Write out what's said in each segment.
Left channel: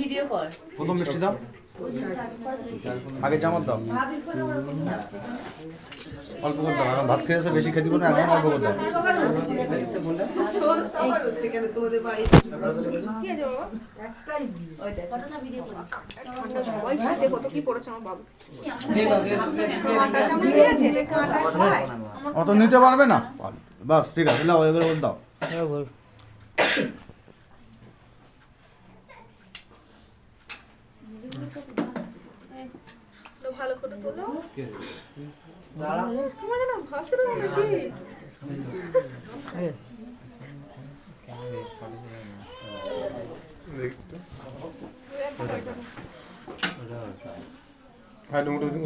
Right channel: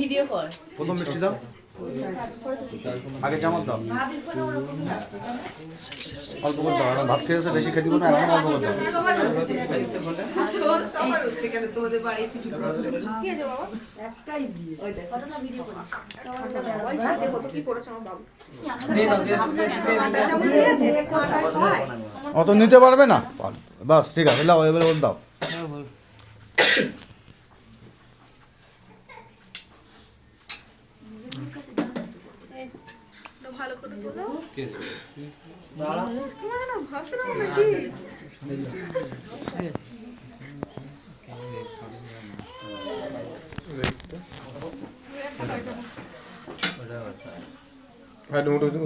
Video কর। প্রথম মিষ্টি দাও, আগে চামচ দাও, অল্প করে দাও। ওরা ভাত খেয়েছে, বেশি খেতে না, এখন অল্প করে দাও। অত নিতে পারবে না, বাস ঠিক আছে, লাও এবার ওর দাও। ভালো করে তোলো।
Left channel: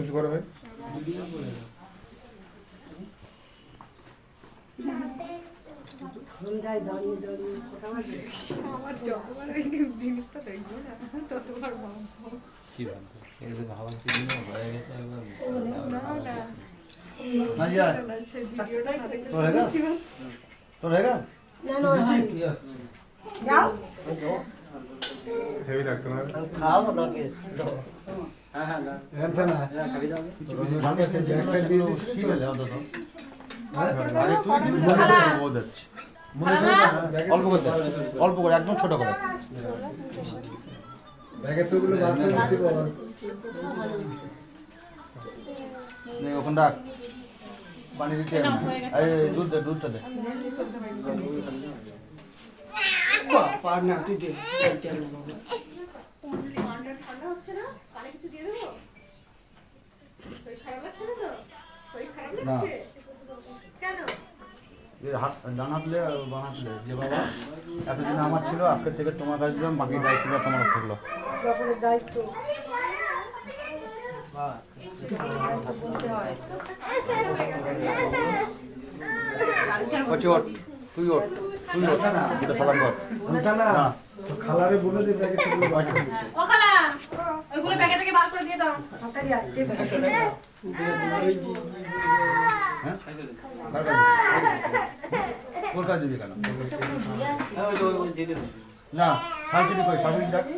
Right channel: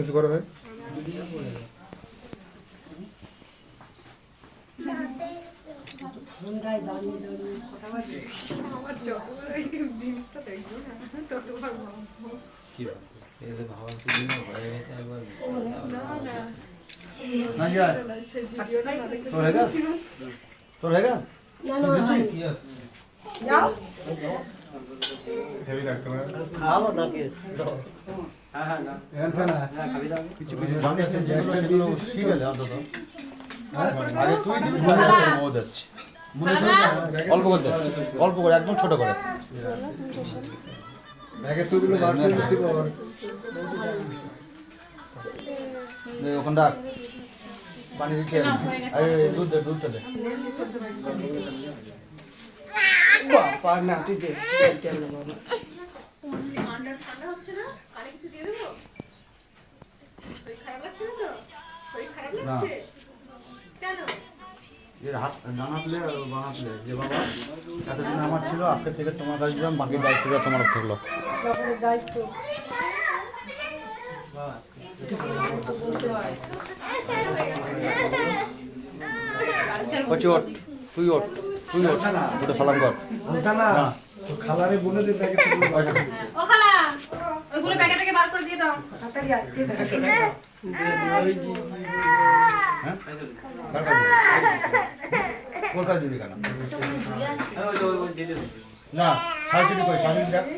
উঁচু করা হয়। ना जाए तो रहेगा, तो रहेगा যাও হেভি লাগতো না। খাওয়াবো নাকি দাও কিছু কিছু জানে আছে যে একটা দিন ঠিক আছে অন্তত। আরে তুই বহুত যাচ্ছে, মনে করে অল্প করে দাও, অল্প করে, একদম ছোট করে। ব্যাগের তুগুলো বার করে দিতে পারো। নে ওখানটা পানি দিতে হবে, এই দুধ দে, দুধটা দে। পার না তুই দে ঠান্ডা ঠান্ডা হচ্ছে না? পানি কিছু দিয়ে দেবো? শরীর খারাপ লাগছে না তো? শরীর খারাপ না লাগছে? কেন? এই হাত ডানা প্লে আর বাঁ প্লে যে বাবা এতদিন আমার ছিল, আজকে থেকে তোমার কাছে দিলাম, বাকি দায়িত্বটা তোমার থাকলো। সকলের দায়িত্ব ওঠ, তুই ওঠ, তুই ওঠ, এটা সলান কর। আনতা না তো খালারে বলে দে ব্যাগের তুগুলো বার করে দিতে। ও খালা, ওইগুলো প্যাকেট থেকে বার করে দিয়ে দাও। তাড়াতাড়ি আসতে হ্যাঁ কার কাছে? তোর কাছে দিবি কেন? না শাশুড়ি কই, শাশুড়ি ডাক।